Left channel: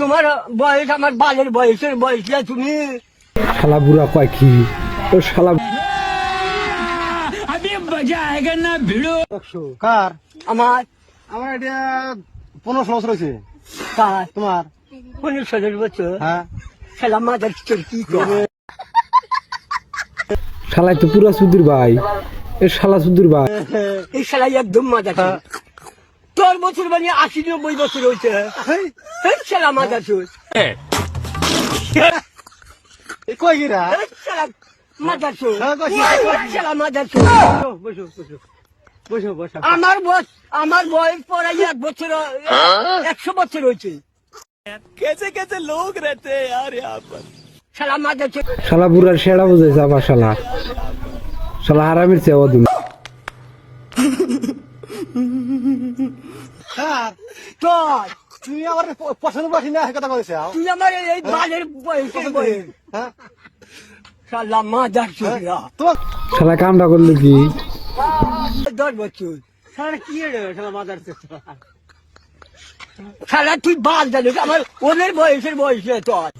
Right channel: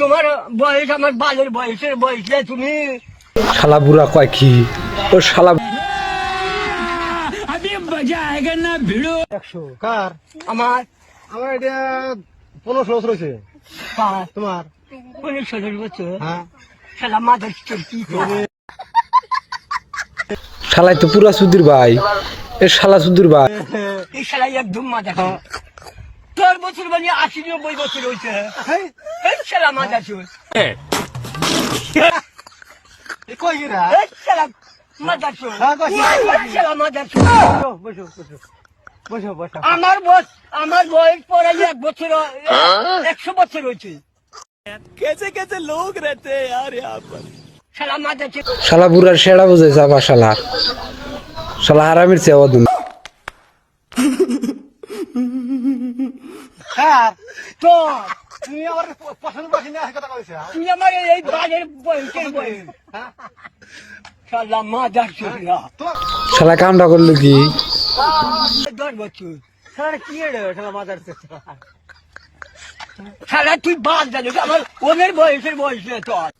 তোমার বয়স আমার বালের বয়সের বয়স না তুমি। শালা বুড়া কয় কি ও শালা কার আমার আমার এটা 15 বছর হয়েছে কার তোমার 15 বছর। হ্যাঁ শালা মাদার কি করে শালাই তো পুরা সুধীর ভাই এ শালা সুধীর ভাই এই শালা একদম মাদার। তোর বছর মানে 80-90 বছর হয়েছে। এই শালা মাদার চোর, এই কই গিরা এই শালা মাদার চোর, হ্যাঁ, কইছি, এই শালা মাদার চোর। বসো বসো বসো বসো আমার বয়স পরে 1 বছর 100 বছর হয়েছে। শালা মাদার চোর। শালা বুড়ার সেরা বুঝাইছে আবার শালা শালা হারামির চেয়ে অদুন কার তোর তুমি আমার পছন্দ করছি না কথা বলেছ তুই আমার এই বালের বয়সের বয়স। শালা মাদার চোর। তোমার শালা কামটা করলো কি 10 বছর। সারা কি রে শালা মাদার শালা তুই বাদ জানিস আমার ওদের বয়সের বয়স না তোর।